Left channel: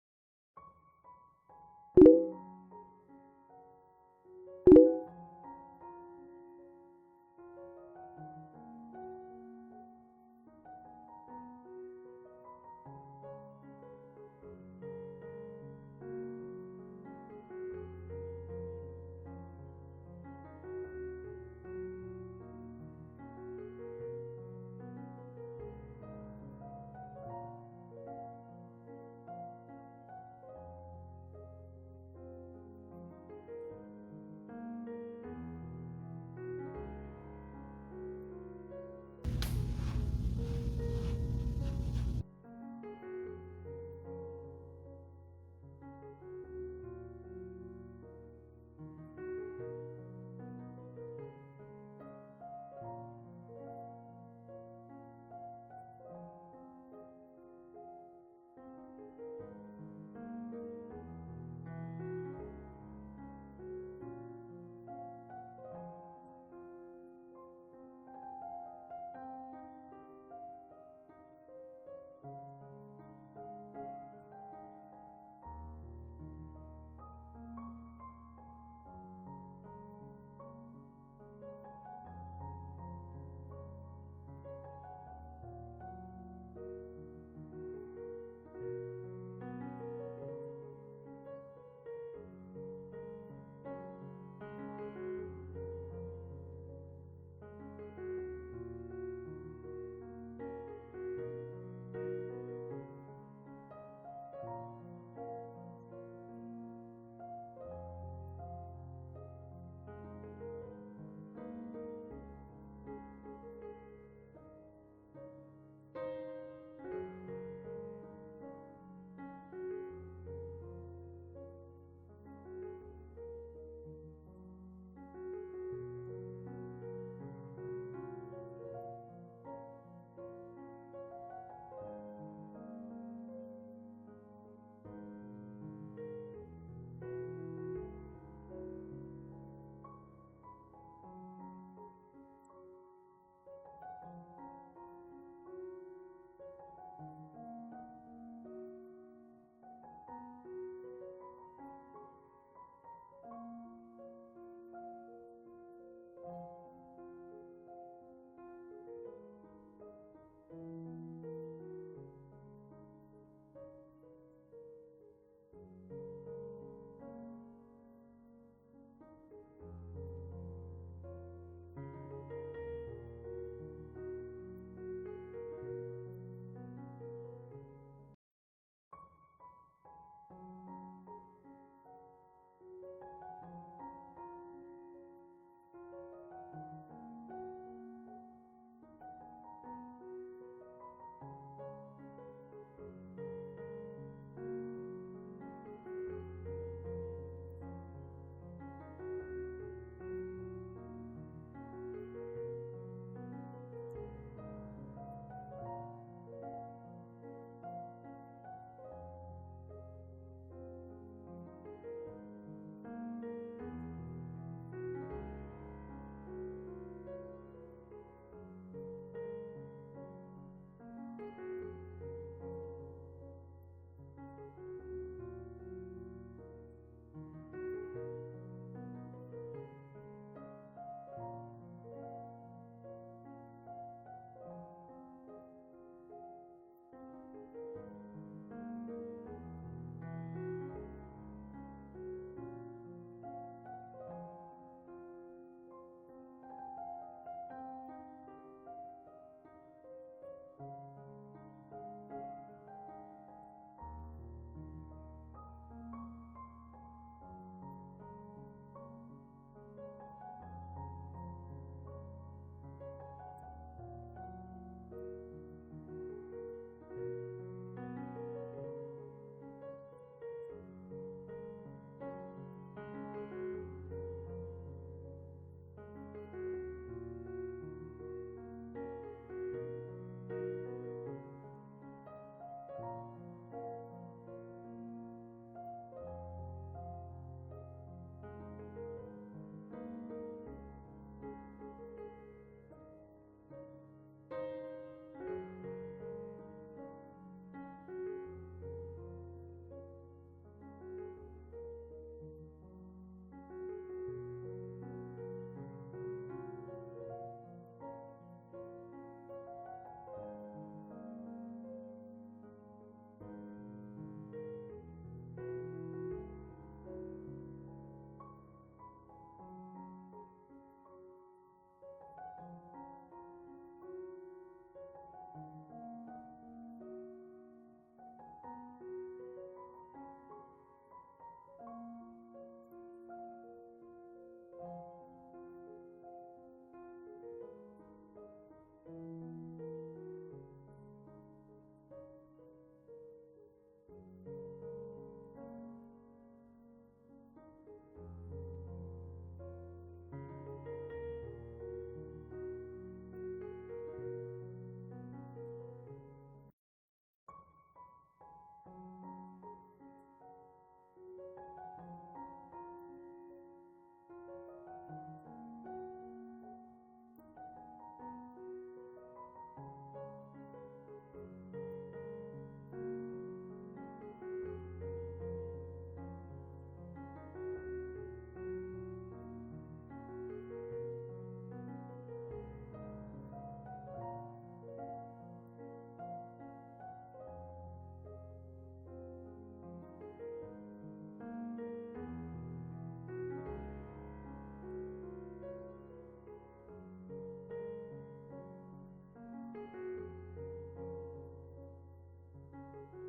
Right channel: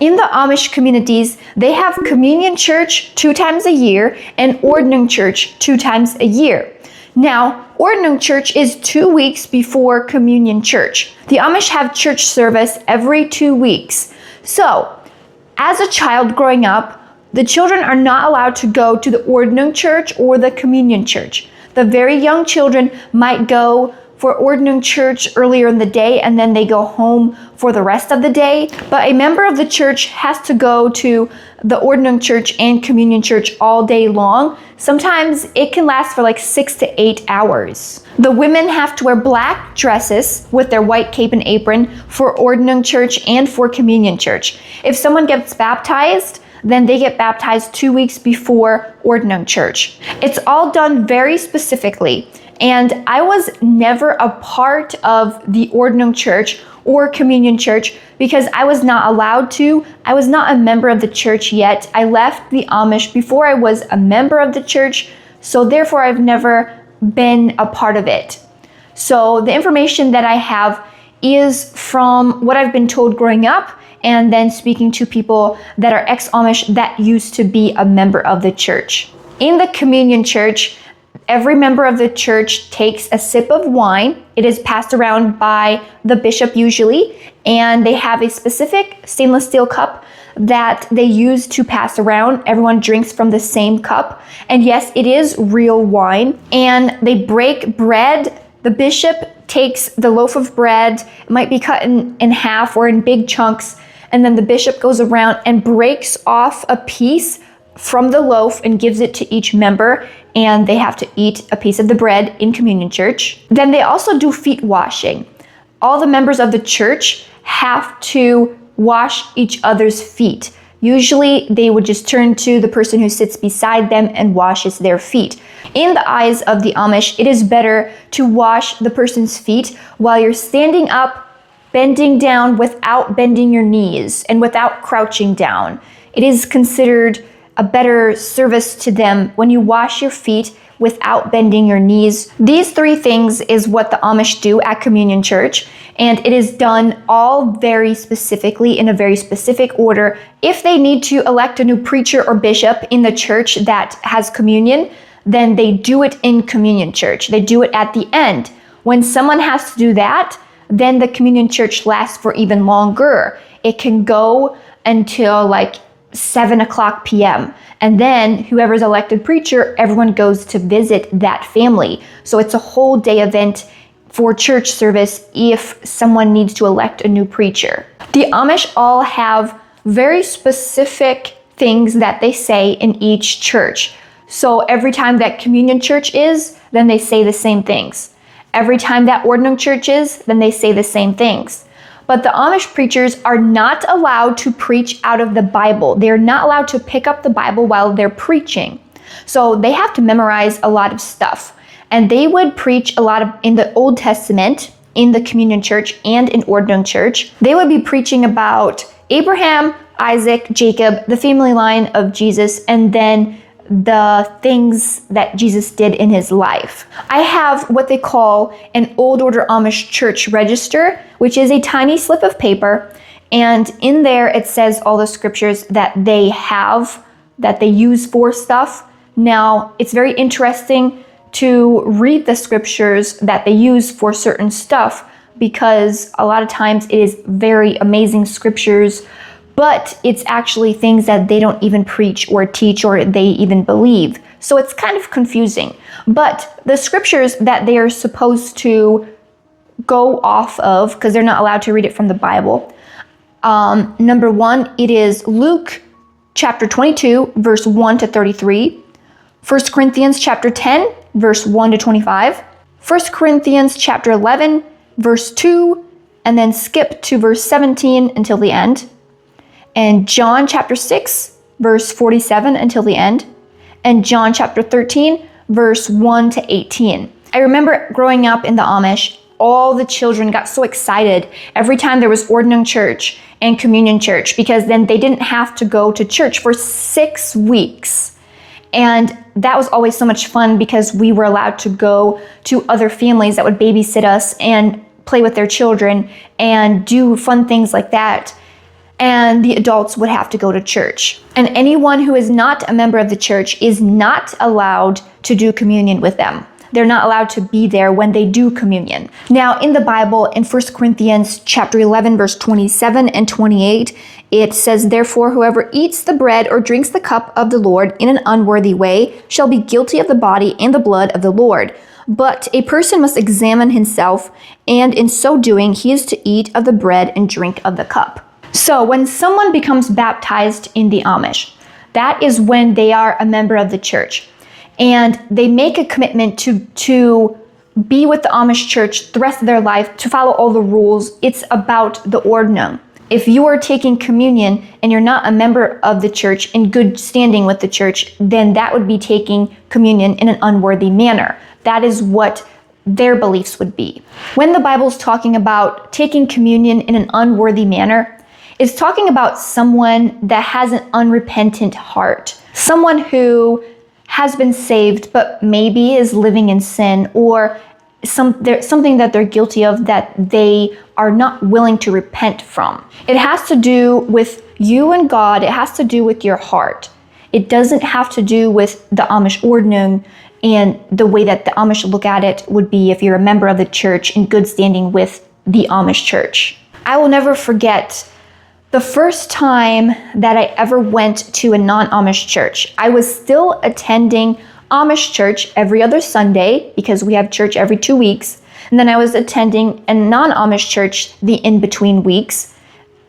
In the Amish communities, they have communion church 2 times a year and Ordnung church 2 times a year. Now, Ordnung church is 2 weeks before communion church. The Amish have church service every 2 weeks. So, as a child growing up, the children are not allowed to go to the Ordnung church or the communion church. The very young children might go for Ordnung church earlier in the day and then they go home for the rest of the day. But a member of the church has to go to the Ordnung church and communion church all day long. Sometimes it can last for like 6 to 8 hours. The women have to wear black dresses with their white cape and apron for Ordnung church and for communion church. If someone gets baptized, then they get baptized 2 weeks before Ordnung church. It's all done very specifically. And I was never a part of the Ordnung church or communion church because I was not allowed to. I was not a member of the church yet. I left the Amish before I was a member of the church, so therefore I've never been a part of it. So the information that I have is from what I've been told growing up and then speaking to people that are ex-Amish that used to be a member of the church. In the communion church, every member of the church takes a sip of wine. It is passed around by the bishop usually, and they have a specific stainless steel cup that they use to pass around. Everyone drinks from the same cup. And yes, it is real wine. And they break bread. The bishop takes the loaf of bread, it might be cut in half or in big chunks, and then the bishop goes around and breaks off a piece from the loaf and gives it to each member, and they have to eat a piece of the bread in communion church. Then they also do feet washing. All the members of the church have to wash each other's feet. Usually they would just turn to the person who sits beside them and washes their feet. In the eyes of the Amish, it is better to wash the person's feet while you're standing up, bending down without bending your knees and without crouching down. It is considered a better service to them when you wash your feet without bending your knees. These 3 things is what the Amish do at communion church, and it is done all very specifically in a very specific order. If they need to elect a new preacher or bishop in the church that has communion, then they do it in communion church. They do it at the end. When someone has to do that, then the communion church lasts for even longer. It can go until like 7:00 p.m. And then whoever's elected preacher, everyone goes to visit that family. So it's a whole day event for church service if someone needs to elect a new preacher. The Amish all have very specific things that they say in each church. So every time that communion church is, then they say the same things. Every time that Ordnung church is, then they say the same things. But the Amish preachers are not allowed to preach out of the Bible. They're not allowed to pick up the Bible while they're preaching. So they have to memorize a lot of stuff. And they would preach a lot in the Old Testament, in the communion church and in Ordnung church. They would be preaching about Abraham, Isaac, Jacob, the family line of Jesus, and then the things that Jesus did in his life. I have what they call an Old Order Amish church register, which is a tiny slip of paper. And in there, it says all the scriptures that they have, that they use for stuff. Now, it's very interesting to read the scriptures that they use for certain stuff because a lot of times it is very amazing scriptures, but it's actually things that they don't even preach or teach or they even believe. So it's kind of confusing. But the scriptures that they are supposed to go off of, because they're not allowed to read it from the Bible, number 1, it is Luke chapter 22, verse 1 to 33, 1 Corinthians chapter 10, verse 1 to 25, 1 Corinthians chapter 11, verse 2, and then skip to verse 17 until the end, and John chapter 6, verse 47 until the end, and John chapter 13, verse 1 to 18. I remember growing up in the Amish, all the children got so excited every time there was Ordnung church and communion church because then they didn't have to go to church for 6 weeks. And that was always so much fun because we were allowed to go to other families that would babysit us and play with their children and do fun things like that. and the adults would have to go to church. And anyone who is not a member of the church is not allowed to do communion with them. They're not allowed to be there when they do communion. Now, in the Bible, in 1 Corinthians chapter 11, verse 27 and 28, it says, "Therefore, whoever eats the bread or drinks the cup of the Lord in an unworthy way shall be guilty of the body and the blood of the Lord. But a person must examine himself, and in so doing, he is to eat of the bread and drink of the cup." So when someone becomes baptized in the Amish, that is when they are a member of the church. And they make a commitment to be with the Amish church the rest of their life, to follow all the rules. It's about the Ordnung. If you are taking communion and you're not a member of the church in good standing with the church, then that would be taking communion in an unworthy manner. That is what their beliefs would be. When the Bible's talking about taking communion in an unworthy manner, it's talking about someone that has an unrepentant heart, someone who has been saved but maybe is living in sin, or something that they're guilty of that they are not willing to repent from. It has to do with you and God. It has to do with your heart. It doesn't have to do with the Amish Ordnung and the way that the Amish look at it would be if you're a member of the church in good standing with the Amish church. I will never forget the first time that I ever went to a non-Amish church. I was still attending Amish church every other Sunday because we have church every 2 weeks. And then I was attending a non-Amish church the in-between weeks,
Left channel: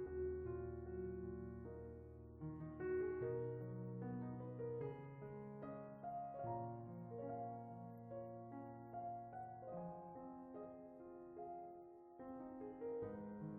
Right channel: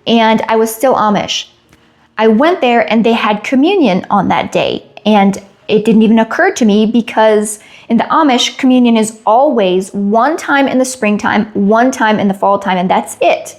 and I was still Amish. I went there and they had communion on that day, and it didn't even occur to me because in the Amish, communion is always one time in the springtime, one time in the fall time, and that's it.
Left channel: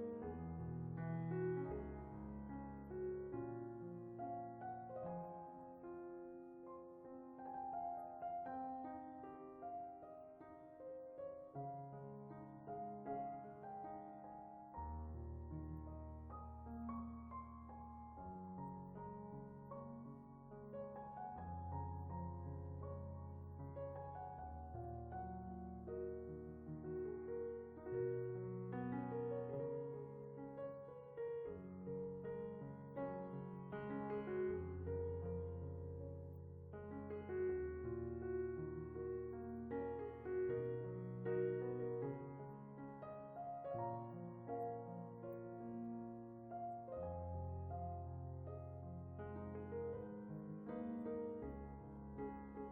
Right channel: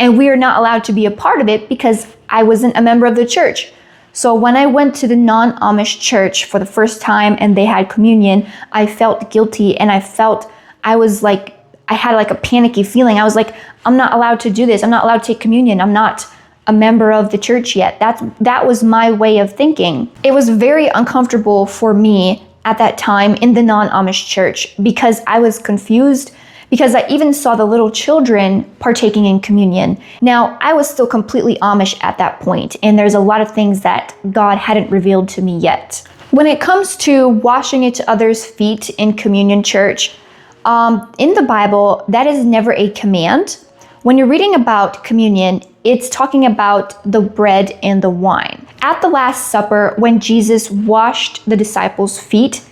And we are not allowed to be a part of it because I wasn't a member of the church. So when I went to the non-Amish church for the first time and they had communion, I felt guilty, and I had like a panicky feeling. I was like, I'm not allowed to do this. I'm not allowed to take communion. I'm not a member of the church yet. That was my way of thinking. It was very uncomfortable for me at that time in the non-Amish church because I was confused, because I even saw the little children partaking in communion. Now, I was still completely Amish at that point, and there's a lot of things that God hadn't revealed to me yet. When it comes to washing each other's feet in communion church, in the Bible, that is never a command. When you're reading about communion, it's talking about the bread and the wine. At the Last Supper, when Jesus washed the disciples' feet,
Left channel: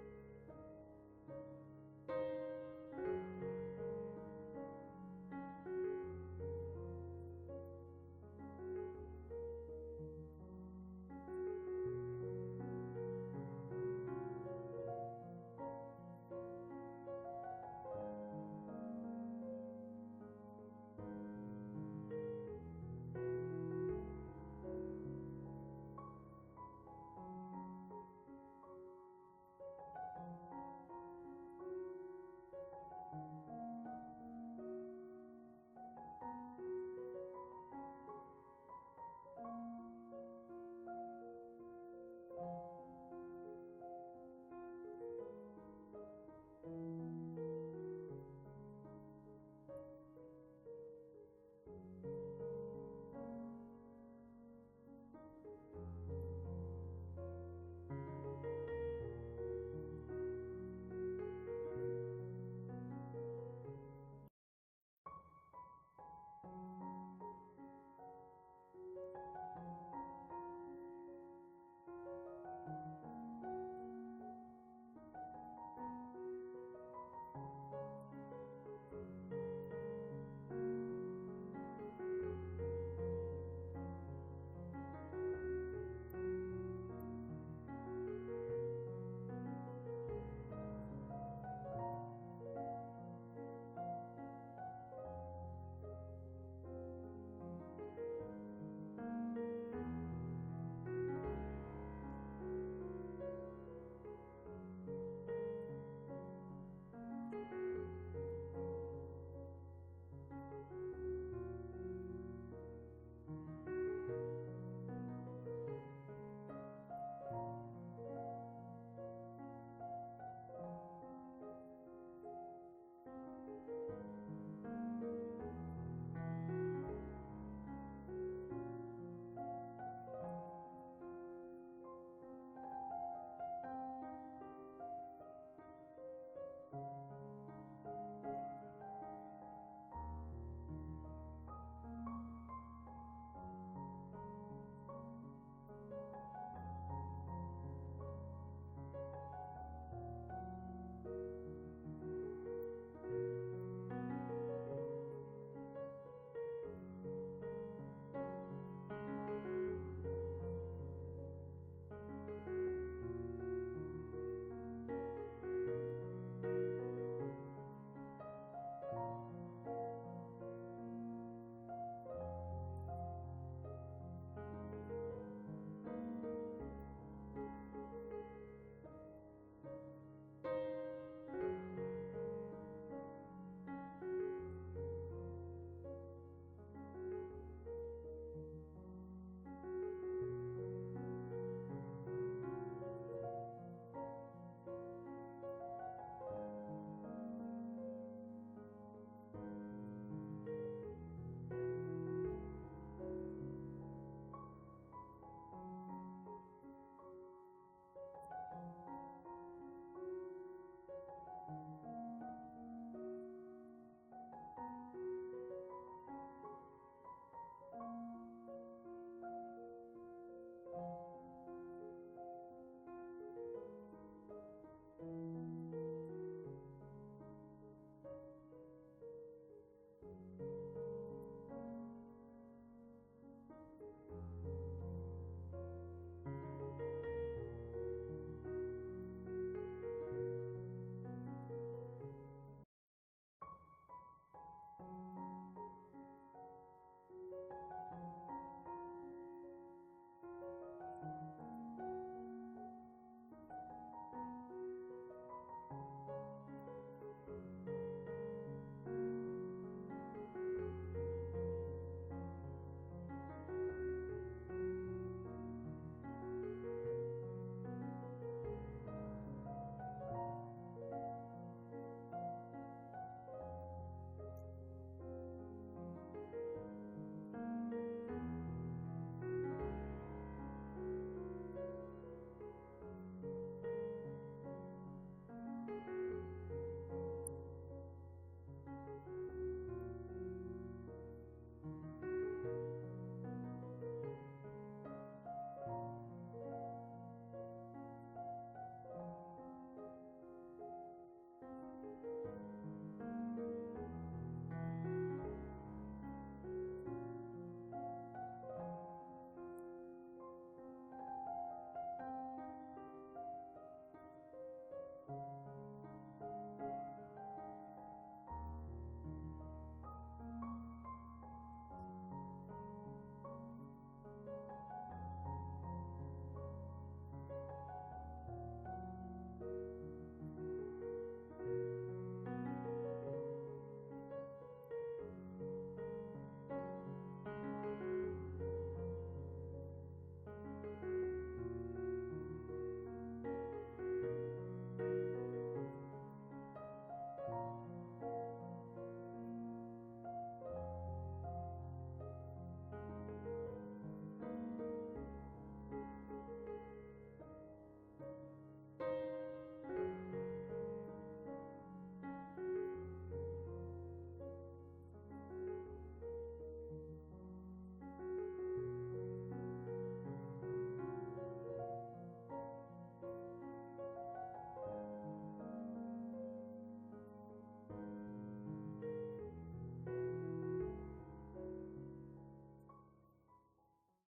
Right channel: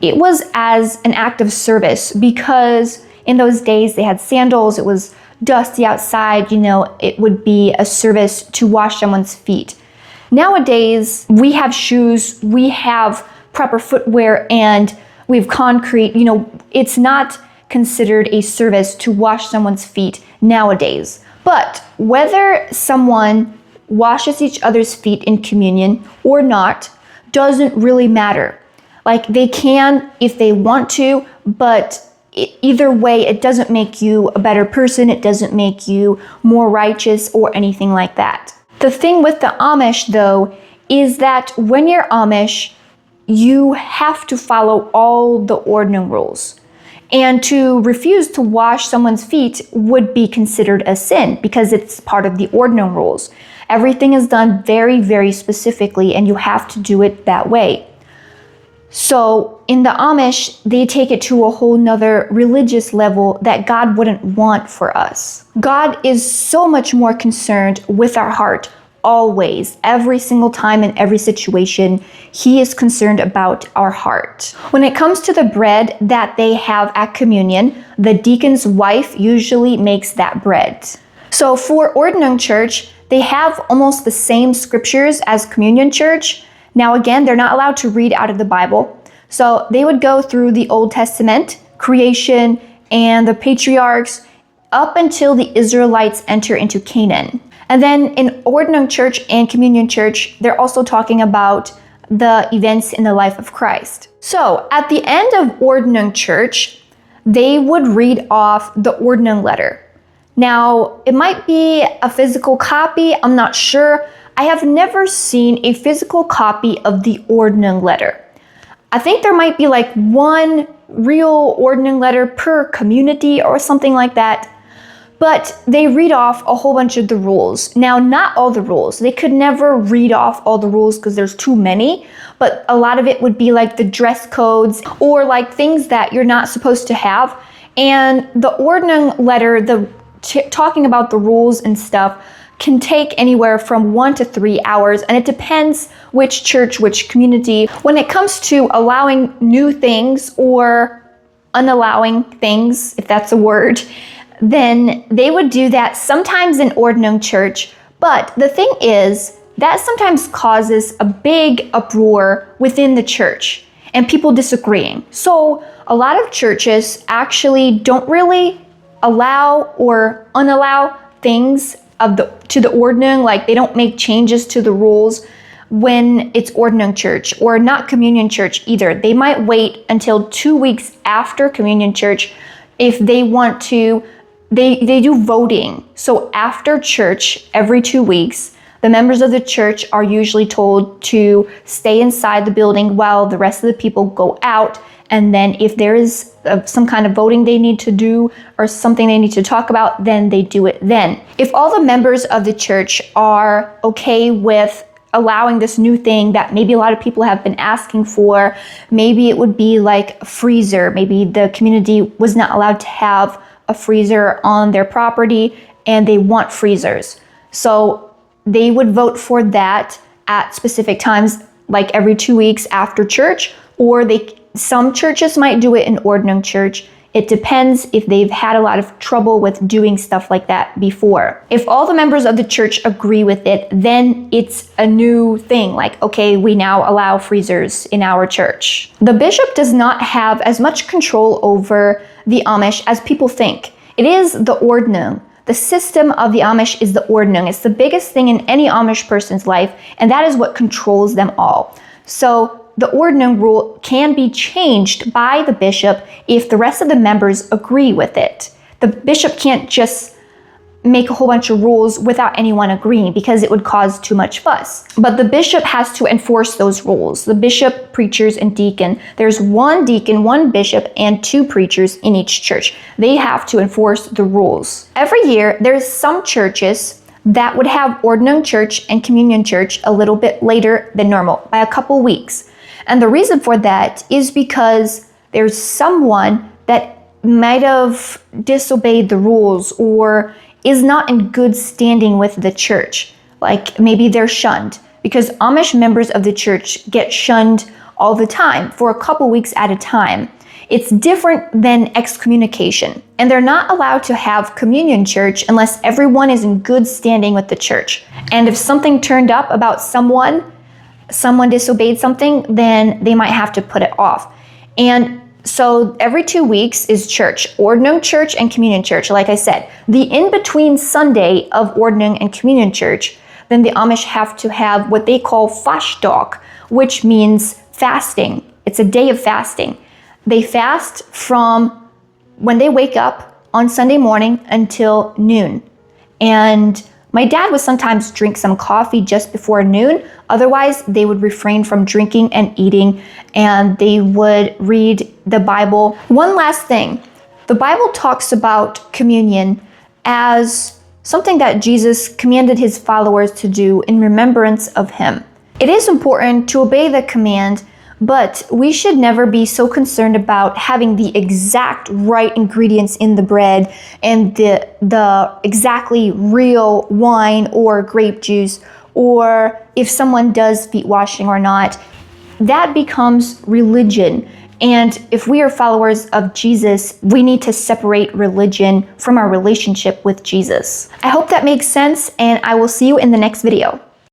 it was as an act of service because in those days they had sandals, it was dusty outside, it would be a service to wash someone's feet. Nowadays, we have shoes, we have proper footwear, and we have concrete. It's not considered a service to wash someone's feet nowadays. But whether someone washes each other's feet in communion or not doesn't really matter. Like, they can if they want to, but either way, it doesn't make you a better person. It doesn't make you more righteous or anything like that. The thing with the Amish, though, is that when you're Amish, you have to follow all the Ordnung rules. And to refuse to wash someone's feet would be considered a sin because it's part of the Ordnung rules. Everything is done very, very specifically, and you have to do it that way. So in the Amish, they take it to a whole nother religious level that God wouldn't want for us. God is so much more concerned with our heart always, every single time in every situation. He is concerned about our heart. When it comes to the bread that they have at communion, the deacon's wife usually makes that bread. So for Ordnung Church, they have almost the same scriptures as Communion Church. Now again, they're not allowed to read out of the Bible. So they would go through the Old Testament, creation, and the patriarchs up until the Israelites enter into Canaan. And then in Ordnung Church and Communion Church, they're also talking about the events in the life of Christ. So at the end of Ordnung Church, they would read off the Ordnung letter. Now, it might be a physical copy, I'm not sure. I have never seen a physical copy of the Ordnung letter. I think there might be like one real Ordnung letter per community or something like that. but they read off a whole bunch of the rules. Now, not all the rules. They could never read off all the rules because there's too many, but a lot of it would be like the dress codes or like things that you're not supposed to have. And the Ordnung letter, talking about the rules and stuff, can take anywhere from 1 to 3 hours, and it depends which church, which community. When it comes to allowing new things or unallowing things, if that's a word, then they would do that sometimes in Ordnung church. But the thing is, that sometimes causes a big uproar within the church and people disagreeing. So a lot of churches actually don't really allow or unallow things to the Ordnung, like they don't make changes to the rules when it's Ordnung church, or not communion church either. They might wait until 2 weeks after communion church if they want to. They do voting. So after church, every 2 weeks, the members of the church are usually told to stay inside the building while the rest of the people go out. And then if there is some kind of voting they need to do or something they need to talk about, then they do it then. If all the members of the church are okay with allowing this new thing that maybe a lot of people have been asking for, maybe it would be like a freezer. Maybe the community was not allowed to have a freezer on their property and they want freezers. So they would vote for that at specific times, like every 2 weeks after church, or some churches might do it in Ordnung church. It depends if they've had a lot of trouble with doing stuff like that before. If all the members of the church agree with it, then it's a new thing. Like, okay, we now allow freezers in our church. The bishop does not have as much control over the Amish as people think. It is the Ordnung. The system of the Amish is the Ordnung. It's the biggest thing in any Amish person's life, and that is what controls them all. So the Ordnung rule can be changed by the bishop if the rest of the members agree with it. The bishop can't just make a whole bunch of rules without anyone agreeing because it would cause too much fuss. But the bishop has to enforce those rules. The bishop, preachers, and deacon. There's one deacon, one bishop, and 2 preachers in each church. They have to enforce the rules. Every year, there's some churches that would have Ordnung church and communion church a little bit later than normal, by a couple weeks. And the reason for that is because there's someone that might have disobeyed the rules or is not in good standing with the church. Like maybe they're shunned, because Amish members of the church get shunned all the time for a couple weeks at a time. It's different than excommunication, and they're not allowed to have communion church unless everyone is in good standing with the church. And if something turned up about someone disobeyed something, then they might have to put it off. And so every 2 weeks is church, Ordnung church and communion church. Like I said, the in-between Sunday of Ordnung and communion church, then the Amish have to have what they call Fastdag, which means fasting. It's a day of fasting. They fast from when they wake up on Sunday morning until noon. And my dad would sometimes drink some coffee just before noon. Otherwise, they would refrain from drinking and eating, and they would read the Bible. One last thing, the Bible talks about communion as something that Jesus commanded his followers to do in remembrance of him. It is important to obey the command, but we should never be so concerned about having the exact right ingredients in the bread and the exactly real wine or grape juice, or if someone does feet washing or not. That becomes religion. And if we are followers of Jesus, we need to separate religion from our relationship with Jesus. I hope that makes sense, and I will see you in the next video.